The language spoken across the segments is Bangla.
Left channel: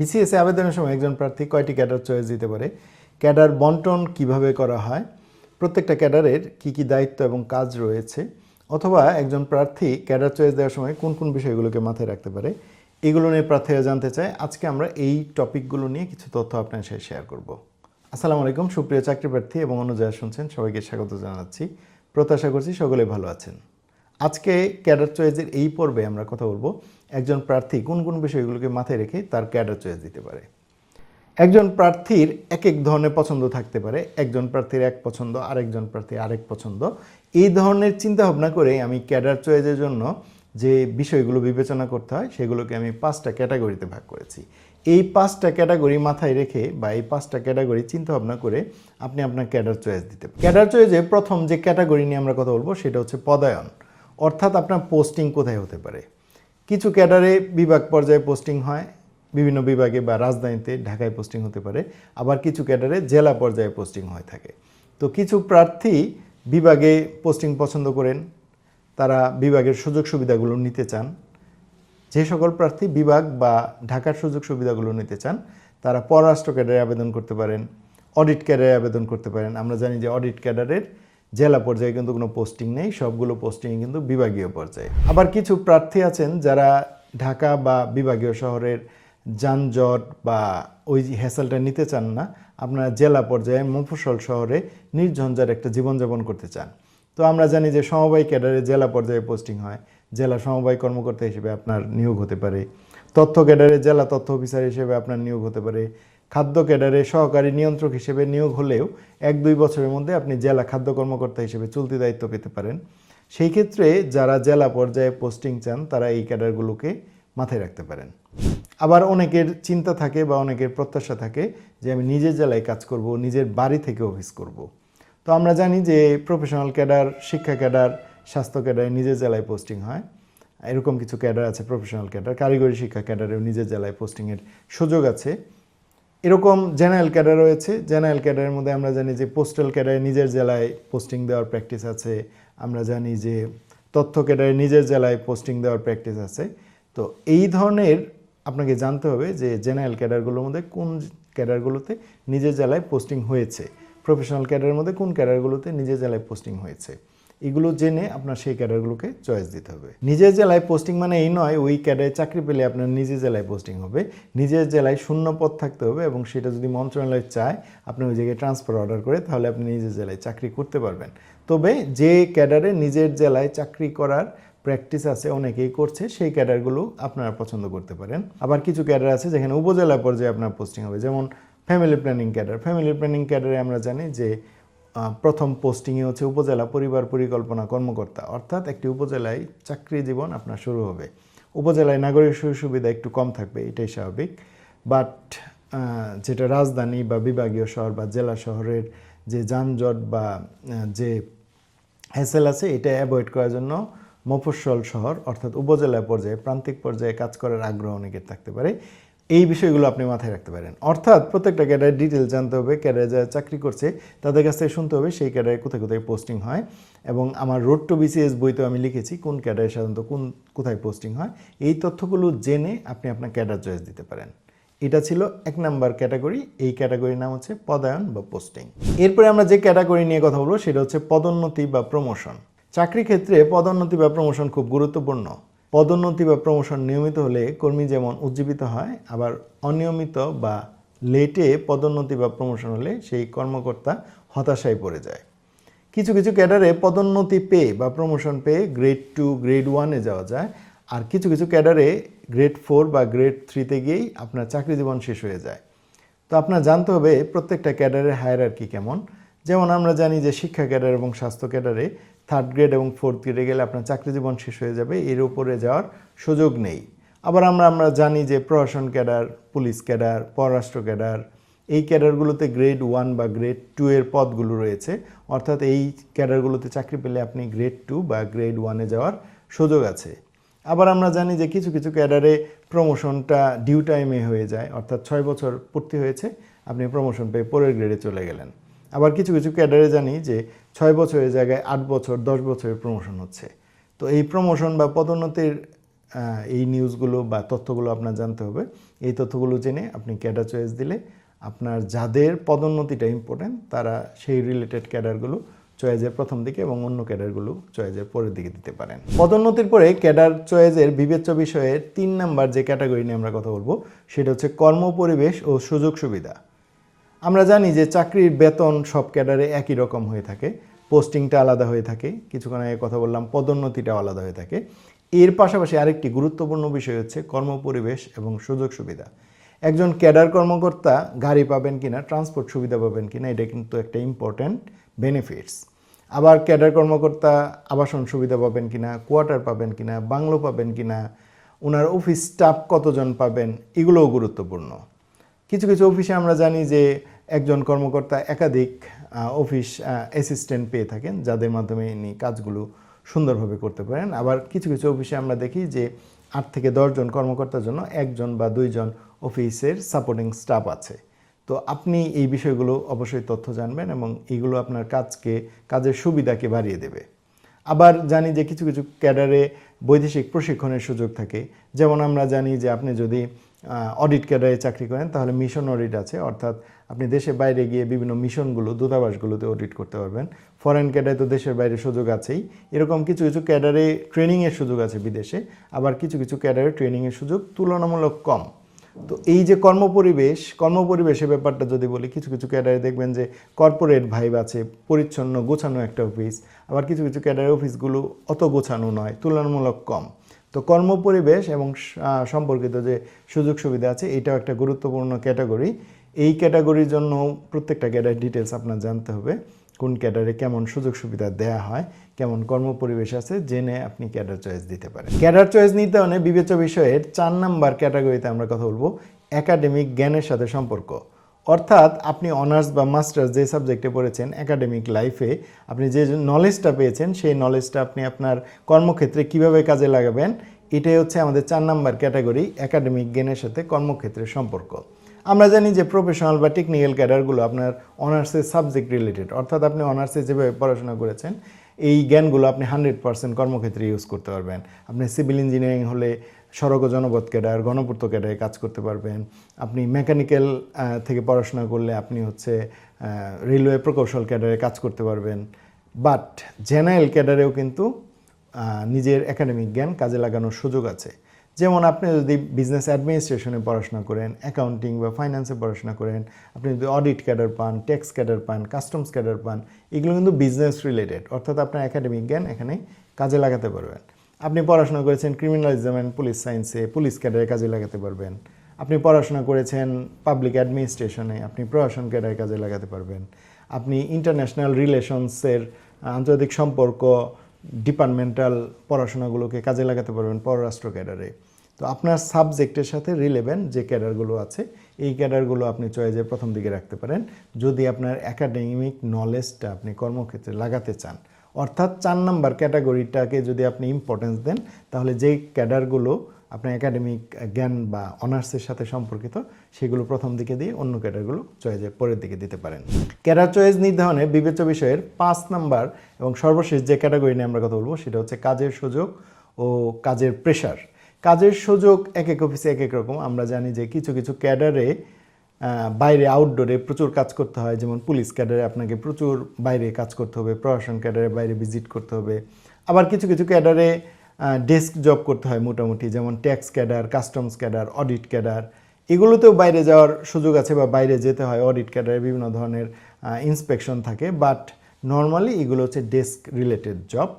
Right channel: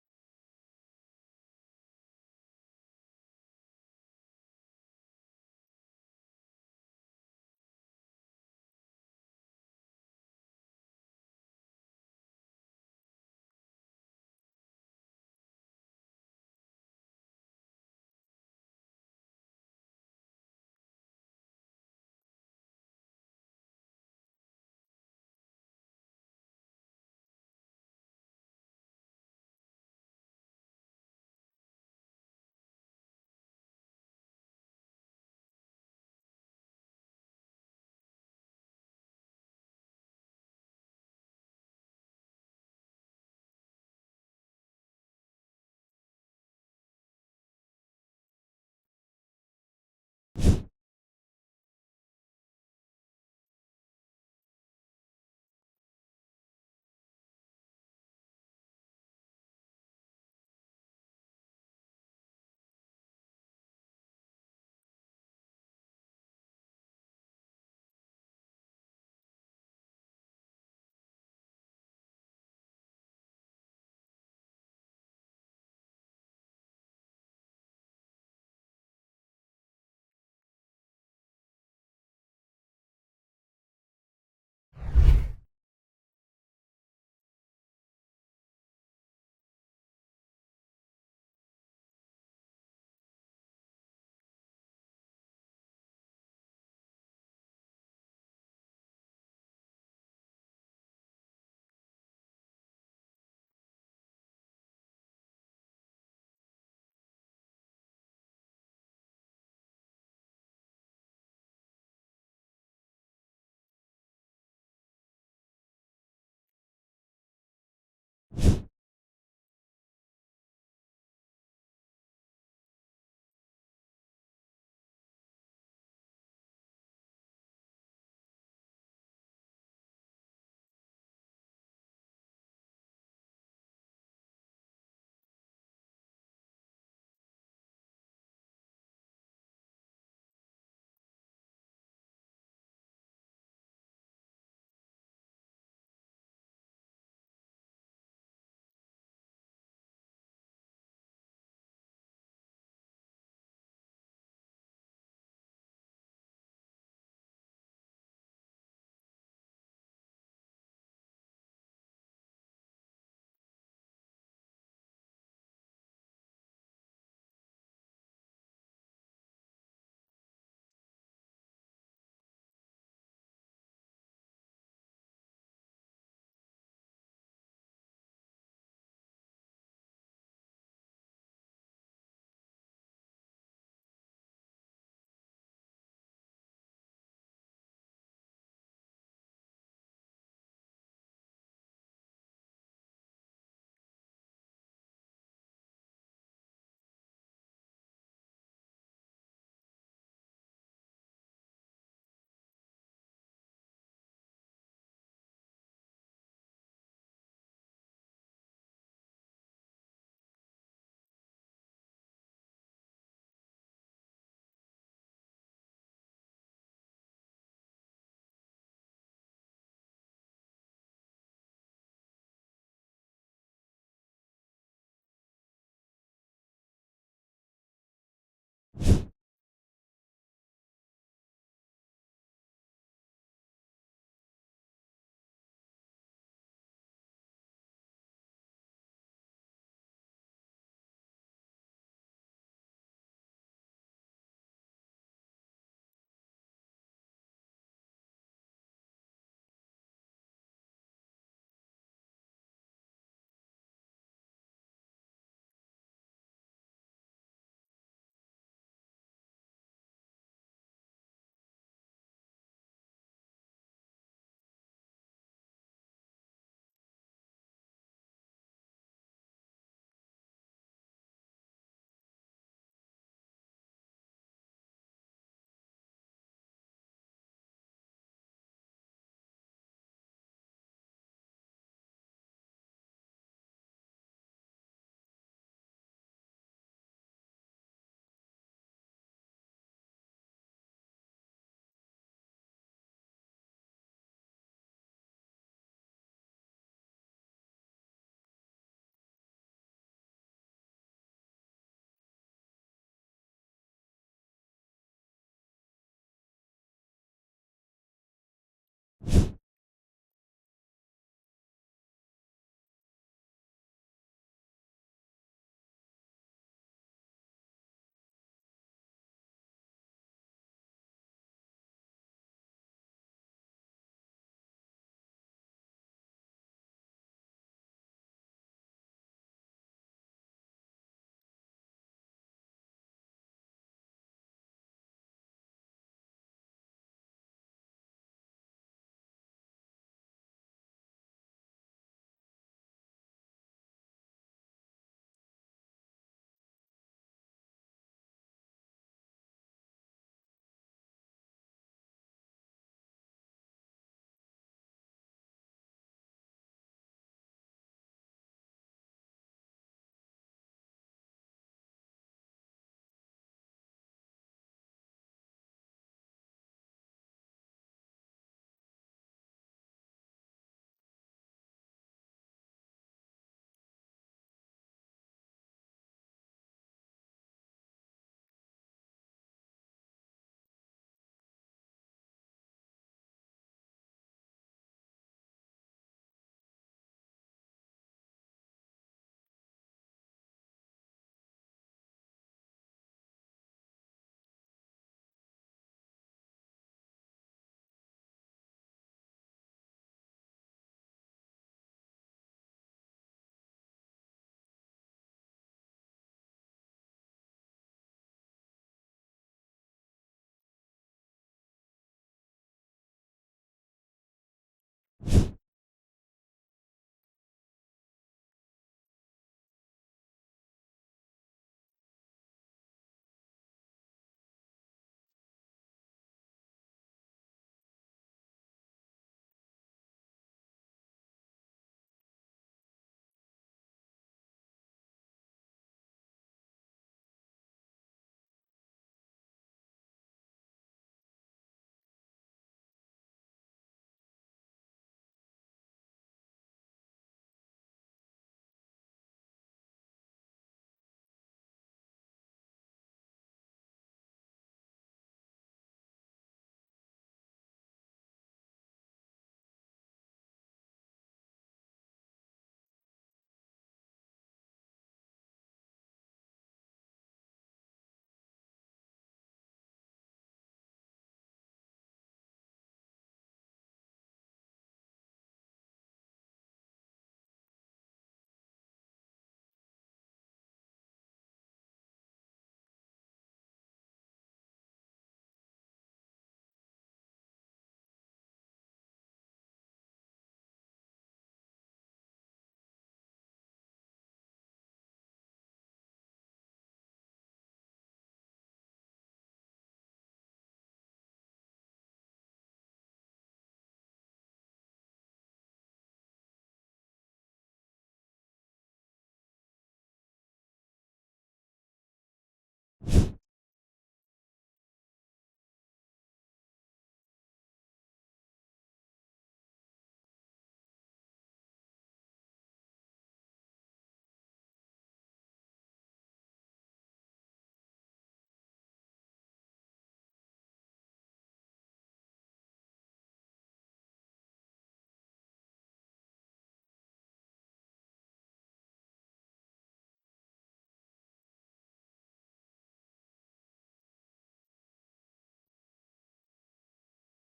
বিসিএস এ আবেদনের সময় একজন প্রার্থী কয়টি ক্যাডার চয়েস দিতে পারে, ক্যাডার বন্টন কিভাবে করা হয়, প্রত্যেকটা ক্যাডারের কি কি দায়িত্ব এবং কাজ রয়েছে, অথবা একজন প্রার্থী ক্যাডার চয়েস দেওয়ার সময় কোন কোন বিষয়গুলোকে মাথায় রাখতে পারে, এগুলো নিয়ে প্রার্থীরা জানতে চায়। আজকে আমরা এই টপিকগুলো নিয়ে কিছু তথ্য আপনার সাথে শেয়ার করব। আসসালামু আলাইকুম সুপ্রিয় চাকরি প্রার্থী এবং অন্য যারা শুনছেন সবাইকে স্বাগত জানাচ্ছি। প্রত্যাশা করছি সকলে ভালো আছেন। আজকে ক্যাডার চয়েসের এই পর্বে আমরা কথা বলবো একজন প্রার্থী কোন কোন বিষয়গুলোকে মাথায় রেখে তার ক্যাডার চয়েস দিতে পারে। একজন প্রার্থীর এক এক ধরনের পছন্দ থাকতে পারে, একজন প্রার্থীর এক পছন্দ, আরেকজন প্রার্থীর আরেক পছন্দ। এই ধরনের চিন্তা ভাবনা করে আমি ক্যাডার চয়েসের জন্য যে বিষয়গুলো বিবেচনা করতে হয় সেগুলোকে আমি 5টা ক্যাটাগরিতে ভাগ করেছি। এই 5টা ক্যাটাগরি মাথায় রেখে বা এই 5টা ক্যাটাগরি চিন্তা ভাবনা করে আপনি আপনার ক্যাডার চয়েস দিতে পারেন। ক্যাডার চয়েসে প্রথম যে ক্যাটাগরি নিয়ে আমরা কথা বলবো সেটা হচ্ছে পদায়ন, অর্থাৎ আপনার পোস্টিং কোথায় হতে পারে। কিছু ক্যাডারে বিভাগ পর্যায়ে পোস্টিং হয়, বিভিন্ন বিভাগে বা রাজধানীতে ঢাকায় পোস্টিং হতে পারে, আবার কিছু ক্যাডারে জেলা পর্যায়ে পোস্টিং হয়ে থাকে। তো কিছু প্রার্থী বিভাগে পোস্টিং পছন্দ করেন, তারা বিভাগের সুযোগ সুবিধাগুলো নিতে চান। যে সকল প্রার্থী বিভাগ বা ঢাকার সুযোগ সুবিধাগুলো নিতে চান তারা পররাষ্ট্র ক্যাডারে আবেদন করতে পারেন, অডিট ক্যাডারে আবেদন করতে পারেন। আমরা জানি যে অডিট ক্যাডারের জেলা পর্যায়ে কিন্তু কোনো পোস্টিং নেই, সবগুলো পোস্টিং কিন্তু বিভাগীয় পর্যায়ে। আবার কিছু প্রার্থী আছেন যারা ঢাকা বা বিভাগীয় শহরের যানজট বা ওই হ্যাসেলটা নিতে চান না, আপনারা জেলা পর্যায়ে মফস্বল শহরে নির্ঝঞ্ঝাট একটা জীবনযাপন করতে চান। তো আমরা জানি যে সমবায় ক্যাডারে জেলা পর্যায়ে পোস্টিং হয়, জেলা সমবায় কর্মকর্তা হিসেবে আপনার নিয়োগ হতে পারে। তথ্য ক্যাডারে জেলা তথ্য অফিসার হিসেবে আপনার নিয়োগ হতে পারে। খাদ্য ক্যাডারে সহকারী নিয়ন্ত্রক হিসেবে নিয়োগ হলেও 1-2 বছরের মধ্যে আপনি জেলা খাদ্য কর্মকর্তা হিসেবে চলতি দায়িত্ব পেতে পারেন। সেই ক্ষেত্রে যারা জেলা পর্যায়ে পোস্টিং চান তারা এই ক্যাডারগুলোকে মাথায় রাখতে পারেন। আবার অনেকের চিন্তা থাকে বা অনেকের প্রত্যাশা থাকে যে আমি নিজের জেলায় কাজ করব, নিজের বাড়ি থেকে অফিস করব। তো আমরা জানি যে প্রফেশনাল ক্যাডার, শিক্ষা ক্যাডার, স্বাস্থ্য ক্যাডারে নিজের জেলায় পোস্টিং হয়। এরকম কিছু ক্যাডার আছে প্রফেশনাল ক্যাডার, কারিগরি শিক্ষা ক্যাডারেও নিজের জেলায় পোস্টিংয়ের সুযোগ আছে। এরকম জেনারেল ক্যাডার রয়েছে। জেনারেল ক্যাডারের মধ্যে আমরা জানি যে পোস্টাল ক্যাডারে নিজের জেলায় পোস্টিং দেওয়ার প্র্যাকটিস আছে। আমরা জানি যে তথ্য ক্যাডারে নিজের জেলায় পোস্টিং দেওয়ার প্র্যাকটিস আছে। তো এই ধরনের আপনাকে জানতে হবে যে জেনারেল ক্যাডারগুলোর মধ্যে কোন ক্যাডারগুলোতে নিজের জেলায় পোস্টিং হয়েছে, প্রফেশনাল ক্যাডারের মধ্যে কোন ক্যাডারগুলোতে নিজের জেলায় পোস্টিং হয়েছে। এগুলো জেনে আপনার সেই ক্যাডারগুলোকে চয়েস দিতে হবে। নিজের জেলায় পোস্টিং মানে এই নয় ওই ক্যাডারে চাকরি পেলে আপনার নিজের জেলায় পোস্টিং হবে। নিজের জেলায় শূন্য পদ থাকতে হবে এবং সেটা যদি মন্ত্রণালয় চায় আপনি ওই জায়গায় ট্রান্সফার অর্ডার করে তাহলে আপনি নিজের জেলায় চাকরি করতে পারবেন। তবে যে ক্যাডারে নিজের জেলায় চাকরি করার প্র্যাকটিস আছে, অনেকেই করছে, সেই ক্যাডারগুলো আপনারা পছন্দ করতে পারেন। আবার কিছু ক্যাডার আছে যেখানে উপজেলা পর্যায়ে আপনার পোস্টিং হবে, যেমন family planning cadre. Family planning ক্যাডারে আমরা জানি যে প্রথম পোস্টিংয়ে হচ্ছে উপজেলা পরিবার পরিকল্পনা কর্মকর্তা, অর্থাৎ একটি উপজেলায় চাকরি জীবন আপনার শুরু হবে। উপজেলায় নাগরিক সুযোগ সুবিধা একটু কম থাকবে, এটাই স্বাভাবিক। বাট যেটা রাজধানী বা বিভাগীয় শহর বা জেলা শহরের যে যানজট বা যে হ্যাসেল আছে এটা অ্যাভয়েড করার জন্য মফস্বল শহর অর্থাৎ উপজেলা পর্যায়ে প্রান্তিক পর্যায়ে কাজ করার আগ্রহ অনেকের থাকতে পারে। এই বিষয়গুলো আপনি মাথায় রাখতে পারেন। অর্থাৎ প্রত্যেকটা ক্যাডারের ডিটেল জানতে হবে, ক্যাডারে যারা চাকরি করছে তাদের কাছ থেকে শুনতে হবে সেই ক্যাডারে কোথায় কোথায় পোস্টিং হয়। এবং আমার রোড টু বিসিএস বইতেও আমি লিখেছি কোন ক্যাডারে সাধারণত কোথায় পোস্টিং হয়। এই তথ্যগুলো জেনে আপনি আপনার ক্যাডার চয়েস দিতে পারেন। এটা ছিল 1 নাম্বার ক্যাটাগরি। এই ক্যাটাগরির নাম হচ্ছে পদায়ন বা পোস্টিং। এরপরে আমরা যে ক্যাটাগরি নিয়ে কথা বলবো সেটা হচ্ছে পদোন্নতি বা প্রমোশন। চাকরি ক্ষেত্রে পদোন্নতি বা প্রমোশন খুব গুরুত্বপূর্ণ। পদোন্নতি বা প্রমোশন নিয়মিত হলে কর্মী যেমন উজ্জীবিত হয়, আবার অনিয়মিত বা লেটে পদোন্নতি বা প্রমোশন হলে সেই কর্মকর্তা হতাশায় পড়ে যায়। কিছু কিছু ক্যাডারে পদোন্নতি পেয়ে বা প্রমোশন পেয়ে গ্রেড 2 গ্রেড 1-এ যাওয়া যায়, আর কিছু কিছু ক্যাডারে গ্রেড 4 বা গ্রেড 3-তে গিয়েই আপনার চাকরি জীবন শেষ হয়ে যায়। তো আপনার জানতে হবে প্রত্যেকটা ক্যাডারের হায়ারার্কি কেমন। যেমন আমরা জানি যে শিক্ষা ক্যাডার এবং স্বাস্থ্য ক্যাডারে 3rd গ্রেড এবং 4th গ্রেডে গেলে আপনার চাকরি জীবন শেষ হয়ে যাবে, এর উপরে যাওয়ার সুযোগ নেই। আবার আমরা জানি যে প্রশাসন ক্যাডার, পুলিশ ক্যাডার, পররাষ্ট্র ক্যাডার, এই ক্যাডারগুলোতে গ্রেড 1 বা গ্রেড 2 এর পদগুলো রয়েছে, অর্থাৎ এই ক্যাডারগুলোতে চাকরি পেলে আপনি গ্রেড 2 বা গ্রেড 1-এ যাওয়ার সুযোগ আছে। আবার আমরা জানি যে কিছু কিছু ক্যাডারে প্রমোশনটা ডিউ টাইমে হয়ে যায়, অর্থাৎ 6 বছর পূর্তি হয়েছে আপনি প্রমোশন পেয়ে পরের গ্রেডে চলে গেলেন। আবার কিছু কিছু ক্যাডারে জানি যে 6 বছরের জায়গায় 8 বছর 10 বছরের প্রমোশন হচ্ছে। তো এই প্রমোশন বা পদোন্নতির এই নিউজগুলো বা তথ্যগুলো আপনার জানতে হবে এই তথ্যগুলো জেনে আপনি ক্যাডার চয়েস দিলে আপনার যাদের পদোন্নতিটা ইম্পর্টেন্ট তারা সেই রিলেটেড ক্যাডারগুলো চয়েসের প্রথম দিকে এবং অন্য ক্যাডারগুলো চয়েসের পরের দিকে দিতে পারেন। পদোন্নতির পরে ক্যাডার চয়েসের বিবেচ্য বিষয়ের 3 নাম্বার যে ক্যাটাগরি নিয়ে আমরা কথা বলবো সেটা হচ্ছে কর্মপরিবেশ ও সুযোগ সুবিধা। আমরা জানি যে চাকরির বেতন সব ক্যাডারে একই রকম হয়ে থাকে, পোস্টিংটা আলাদা হয়ে থাকে, কিছুক্ষণ আগে কথা বললাম পদোন্নতিটাও আলাদা হয়ে থাকে। এর পাশাপাশি আরেকটি গুরুত্বপূর্ণ বিষয় হচ্ছে কর্মপরিবেশ এবং সুযোগ সুবিধা। একজন ক্যাডার কর্মকর্তা গাড়ি পাবেন কিনা, ট্রান্সপোর্ট সুবিধা পাবেন কিনা, এটা কিন্তু একটা ইম্পর্ট্যান্ট বেনিফিটস। আবার ক্যাডার কর্মকর্তা আবাসন সুবিধা পাবেন কিনা, কোয়ার্টার পাবেন কিনা, বাংলো পাবেন কিনা, ওনার অফিস স্টাফ কতজন পাবেন, এগুলোও গুরুত্বপূর্ণ। কিছু কিছু অফিসে আমরা জানি যে একজন কর্মকর্তা একাধিক অফিস অ্যাসিস্ট্যান্ট পেয়ে থাকেন, যাদের মাধ্যমে ইনি কাজগুলো সুন্দরভাবে করতে পারেন। আবার কিছু কিছু অফিসে আমরা দেখি যে 8 থেকে 10 জন কর্মকর্তার জন্য 1 জন বা 2 জন অফিসের সাপোর্টিং স্টাফ আছে। তো আপনি এই বিষয়গুলো অবশ্যই তথ্য জানবেন এবং এইগুলো আপনার কাজের সুবিধাকে বাড়িয়ে দেবে। আবার জানি যে কিছু কিছু ক্যাডারে বৈদেশিক প্রশিক্ষণের সুযোগ থাকে। যেমন আমরা জানি যে আপনি যদি অডিট ক্যাডারে চাকরি করেন তাহলে মিশন অডিট আছে, অর্থাৎ আপনি দেশের বাইরে গিয়ে বিভিন্ন মিশনগুলো, দূতাবাসগুলোতে অডিট করতে পারবেন। ফরেন ক্যাডারে তো দেশের বাইরে সুযোগ আছেই, এরকম কিছু কিছু ক্যাডারে ট্রেনিংয়ের সুযোগ আছে বিদেশে, আবার কিছু কিছু ক্যাডারে ট্রেনিংয়ের সুযোগ তুলনামূলক কম। তো এই যে কর্মপরিবেশের ব্যাপারটা যদি বলি, কিছু কিছু ক্যাডারে দেখবেন যে কর্পোরেট ভাইব আছে, পরিচ্ছন্ন গোছানো একটা অফিস, আবার কিছু কিছু ক্যাডারের অফিসগুলো অত গোছানো নয়, তুলনামূলক কম। তো কর্মপরিবেশ এবং সম্পর্কিত যে সুযোগ সুবিধা আছে এটাও একটা গুরুত্বপূর্ণ ক্যাটাগরি। এই ক্যাটাগরির জন্য প্রত্যেকটা ক্যাডার ডিটেলস আপনার জানতে হবে, কোন ক্যাডারে কেমন সুযোগ সুবিধা দেয়া হয়, কেমন কর্মপরিবেশ আছে, জেনে আপনি ক্যাডার চয়েস দিতে পারেন। ক্যাডার চয়েস নির্ধারণে বিবেচ্য বিষয়ের 4 নাম্বার ক্যাটাগরিতে আমরা কথা বলবো একাডেমিক জ্ঞানের সাথে সম্পর্ক। অর্থাৎ আপনি অনার্স বা মাস্টার্স যে সাবজেক্টে পড়েছেন, একাডেমিক লাইফে আপনি যে নলেজটা পেয়েছেন সেই নলেজটা আপনি আপনার কর্মক্ষেত্রে কিভাবে কাজে লাগাবেন, এটাই হচ্ছে আমাদের 4 নাম্বার ক্যাটাগরি, একাডেমিক জ্ঞানের সাথে কর্মক্ষেত্রের সম্পর্ক। আমরা জানি যে প্রফেশনাল বা টেকনিক্যাল ক্যাডারগুলো আপনার অনার্সের সাবজেক্ট রিলেটেড, অর্থাৎ আপনি অনার্সে যেভাবে পড়াশোনা করেছেন এই জ্ঞানগুলো আপনি 100% কর্মক্ষেত্রে ইউজ করতে পারবেন। আপনি সিভিল ইঞ্জিনিয়ারিং হলে সড়ক ও জনপথ ক্যাডার, গণপূর্ত ক্যাডারে কাজ করতে পারবেন। আপনি মেকানিক্যাল থেকে পড়াশোনা করলে আপনি হচ্ছে রেলওয়ে প্রকৌশল ক্যাডারে কাজ করতে পারবেন। বাট জেনারেল ক্যাডারেও কিন্তু নিজের একাডেমিক জ্ঞান কাজে লাগানোর সুযোগ আছে। যেমন আপনি যদি বিজনেস অ্যাডমিনিস্ট্রেশনে পড়াশোনা করেন, অ্যাকাউন্টিং বা ফাইন্যান্সে পড়াশোনা করেন, আপনি যদি অডিট ক্যাডার পান, ট্যাক্স ক্যাডার পান, কাস্টমস ক্যাডার পান, এগুলো কিন্তু বিজনেস রিলেটেড, অর্থাৎ আপনার একাডেমিক জ্ঞান এখানে কাজে লাগাতে পারবেন। আপনি পড়াশোনা করেছেন ক্রিমিনালিজম অ্যান্ড পুলিশ সায়েন্সে, পুলিশ ক্যাডারে কাজে লাগাতে পারবেন। আপনি পড়াশোনা করেছেন পাবলিক অ্যাডমিনিস্ট্রেশনে, আপনি প্রশাসন ক্যাডারে কাজে লাগাতে পারবেন। আপনি ইন্টারন্যাশনাল রিলেশনসের, আন্তর্জাতিক সম্পর্ক, ডিপার্টমেন্টাল পড়াশোনাগুলোকে কাজে লাগাতে পারবেন পররাষ্ট্র ক্যাডারে। তো আপনার সাবজেক্টের সাথে রিলেভেন্ট যে ক্যাডারগুলো আছে এই ক্যাডারগুলো আপনি চয়েসের প্রথম দিকে রাখতে পারেন যদি আপনার একাডেমিক নলেজটা আপনি কর্মক্ষেত্রে লাগাতে চান। অর্থাৎ 4 নাম্বার ক্যাটাগরিটাকে যদি আপনি ইম্পর্টেন্স দেন তাহলে যেই ক্যাডারগুলো আপনার একাডেমিক জ্ঞান বা অনার্সের সাথে সম্পর্কিত সেগুলো প্রথম দিকে দিয়ে অন্য ক্যাডারগুলো চয়েসের পরের দিকে দিতে পারেন। ক্যাডার চয়েস নির্ধারণে বিবেচ্য বিষয়ের 5 নাম্বার এবং সর্বশেষ যে ক্যাটাগরি নিয়ে আমরা কথা বলবো সেটা হচ্ছে কাজের সুযোগ ও কাজের প্রেশার। কাজের সুযোগ এক এক অফিসে এক এক রকম। আমরা জানি যে কিছু কিছু ক্যাডারে বাইরে আউটডোরে প্রচুর কাজ করতে হয়, যেমন পুলিশ ক্যাডারে আপনাকে প্রচুর বাইরে কাজ করতে হবে, প্রশাসন ক্যাডারে বাইরে ভিজিট করতে হবে। আবার কিছু কিছু ক্যাডারে ডেস্ক জব করতে হয় মোটামুটি, যেমন tax cadre, customs cadre, audit cadre, এগুলোতেও বাইরে যাওয়ার সুযোগ আছে বা বাইরে যেতে হয়। অডিট ক্যাডারে বিভিন্ন ধরনের ইন্সপেকশন থাকে, বাট নর্মালি এগুলো হচ্ছে ডেস্ক রিলেটেড জব।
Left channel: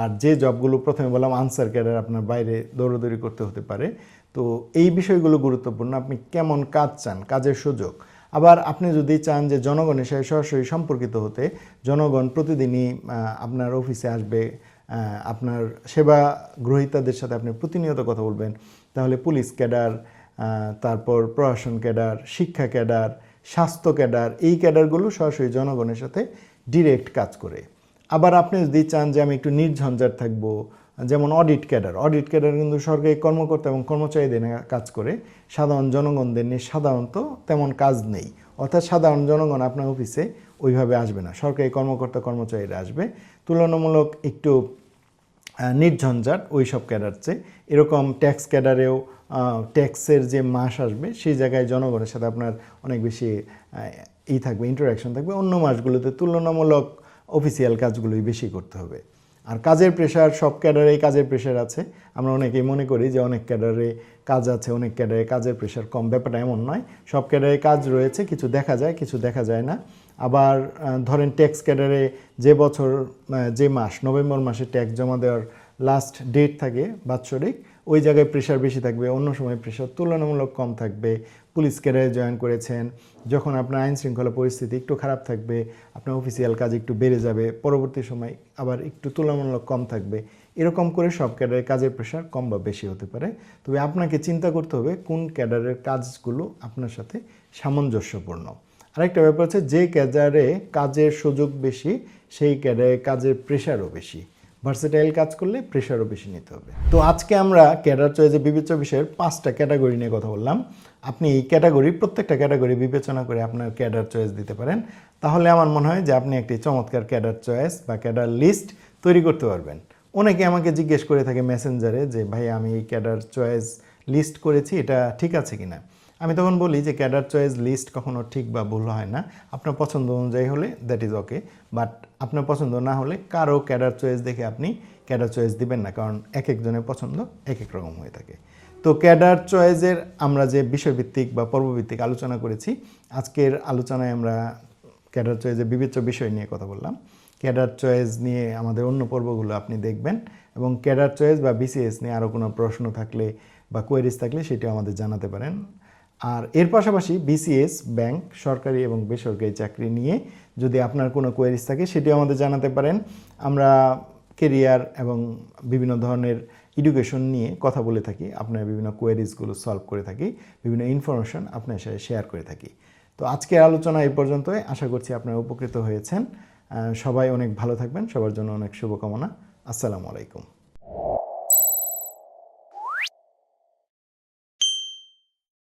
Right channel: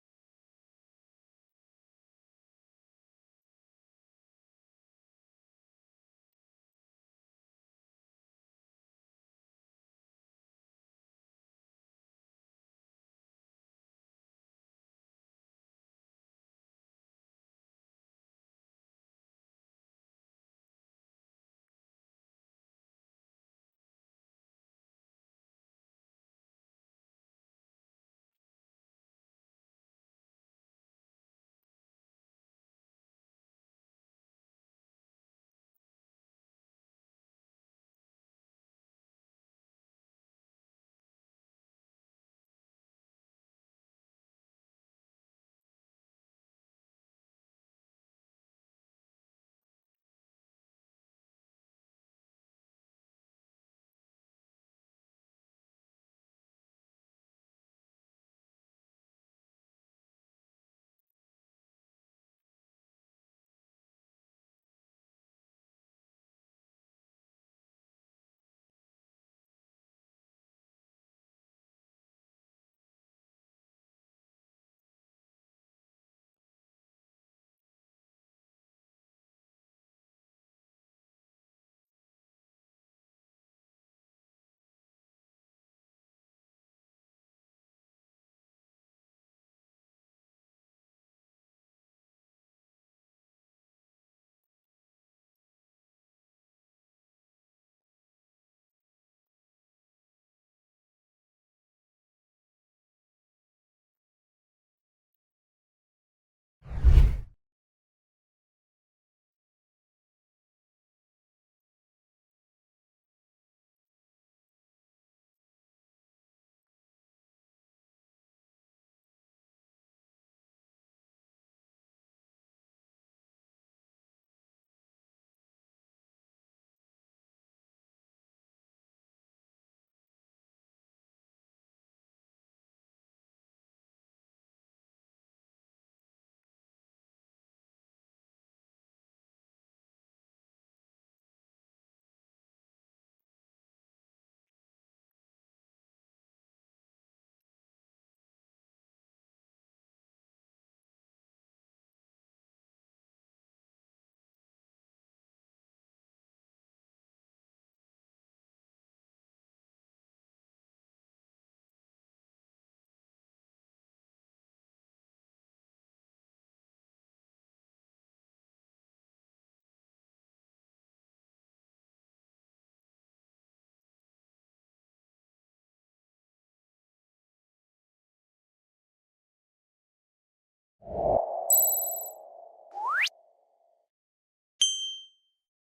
আর যে জবগুলো প্রথমে বললাম আনসার ক্যাডার, আপনার বাইরে দৌড়দৌড়ি করতে হতে পারে। তো এই বিষয়গুলো গুরুত্বপূর্ণ, আপনি কেমন কাজ চান, কাজের সুযোগ। আবার আপনি যদি চান যে জনগণের সাথে সরাসরি সম্পর্কিত হতে, জনগণ প্রতিদিনই আপনার অফিসে আসবে, আপনার সেবা গ্রহীতাদের সাথে আপনি প্রতিনিয়ত কথা বলবেন, তাহলে পুলিশ ক্যাডার, তারপর প্রশাসন ক্যাডার, শিক্ষা ক্যাডার, স্বাস্থ্য ক্যাডার, এই ক্যাডারগুলো সরাসরি জনগণের সাথে ডিরেক্ট কাজ করে। আবার আপনি যদি চান যে আমি একটু নির্ঝঞ্ঝাট থাকবো, যেমন অডিট ক্যাডার কিন্তু সরকারি কর্মকর্তা এবং কর্মচারীদের নিয়ে কাজ করে, সাধারণ জনগণদের নিয়ে সাধারণত তেমন কাজ নেই। অর্থাৎ সাধারণ জনগণ আপনার অফিসে ওইভাবে আসবে না, সরকারি কর্মকর্তা কর্মচারীরা আসবে। তুলনামূলক একটু নির্ঝঞ্ঝাট ওই সব ক্যাডার চেয়ে। এরকম ট্যাক্স ক্যাডারেও ট্যাক্সের যে মাস আসবে সেই জায়গায় জনগণের সাথে আপনার অনেক বেশি থাকবে, ইন্টারাকশন থাকবে। অন্য মাসগুলোতে তুলনামূলক অফিসিয়াল কাজগুলোই বেশি করতে হবে। আর কাজের প্রেশার, সব ক্যাডারেই কাজের প্রেশার আছে। আমরা অনেকেই মনে করি যে অনেক ক্যাডারে কাজ আছে, অনেক ক্যাডারে কাজের প্রেশার কম। ব্যাপারটা এমন নয়। সব ক্যাডারে কাজ রয়েছে, কিছু দেখা যায়, কিছু দেখা যায় না। আবার ধরেন ট্যাক্স ক্যাডারে যে বছর যে মাস, নভেম্বর মাসে ট্যাক্স জমা দেওয়ার লাস্ট ডেট থাকে বাৎসরিক, ওই জায়গায় প্রেশার বেশি থাকবে, অন্য সময় প্রেশার তুলনামূলক কম থাকবে। পুলিশ ক্যাডারে জয়েন করেছেন, যখন আপনার আইন শৃঙ্খলা পরিস্থিতি একটু খারাপ থাকবে, আপনার অফিসিয়াল কাজ একটু বেড়ে যাবে, পরবর্তী সময় আবার একটু তুলনামূলক কম থাকবে। এরকম করে সব ক্যাডারের কাজের প্রেশার কম বা বেশি হতে পারে। তবে আপনাকে চিন্তা করতে হবে কোন ক্যাডারের কাজগুলো আপনার সাথে সামঞ্জস্যপূর্ণ। আরেকটা ব্যাপার হচ্ছে, যে ক্যাডারে কাজের সুযোগ বেশি সেই ক্যাডারে কাজের প্রেশারও বেশি। ভার্সেটাইল কাজ করলে প্রেশারও বেশি নিতে হবে। তো আজকে আমরা ক্যাডার চয়েসে বিবেচ্য বিষয়ের 5টা ক্যাটাগরি নিয়ে কথা বললাম। আপনি এই ক্যাটাগরি, প্রত্যেকটা ক্যাটাগরি বিবেচনা করে আপনার ক্যাডার চয়েস দিতে পারেন। তাহলে আমার মনে হয় যে আপনি একটি চমৎকার ক্যাডার চয়েস বা ক্যাডার লিস্ট তৈরি করতে পারবেন। অনেকে আমাকে জিজ্ঞেস করে থাকে মেসেঞ্জারে যে ভাই আমি এই ক্যাডার চয়েস লিস্ট করেছি, এটা ঠিক আছে কিনা। আমি তখন বলি যে ক্যাডার চয়েস লিস্ট কখনো ঠিক বা ভুল হয় না। আপনার পছন্দ অনুযায়ী হলে দ্যাট ইজ ওকে, বাট আপনার পছন্দ না হলে কারো ক্যাডার চয়েস দেখে আপনি ক্যাডার চয়েস দিবেন না, কারণ এক একজনের পছন্দ এক এক রকম হয়ে থাকে। তো ক্যাডার চয়েসের আমরা যে বিষয়ভিত্তিক বা পর্বভিত্তিক আলোচনা করেছি, আজকের আলোচনায় আমরা ক্যাডার চয়েসের বিবেচ্য বিষয় নিয়ে কথা বললাম। ক্যাডার চয়েস নিয়ে আমাদের অন্য পর্বগুলো আপনি দেখবেন, এবং ক্যাডার চয়েস বা বিসিএস নিয়ে আরও কোনো প্রশ্ন থাকলে বা কোয়েরিজ থাকলে সেটিও আমাদের জানাতে পারেন। আর এর পাশাপাশি বিসিএস, ব্যাংক, সরকারি এবং বেসরকারি চাকরি নিয়ে যদি আপনার কোনো কোয়েরিজ থাকে সেটিও আমাদের জানাতে পারেন। আমরা কেরিয়ার এবং বিভিন্ন ধরনের এডুকেশন নিয়ে কথা বলে থাকি, আপনার বিভিন্ন কোয়েরিজগুলো সলভ করে থাকি, বিভিন্ন ইনফরমেশন আপনার সাথে শেয়ার করে থাকি। তো আজকের আলোচনা এই পর্যন্তই। আশা করছি আপনারা উপকৃত হয়েছেন। সবাই অনেক ভালো থাকবেন, সবার জন্য অনেক শুভকামনা। আসসালামু আলাইকুম।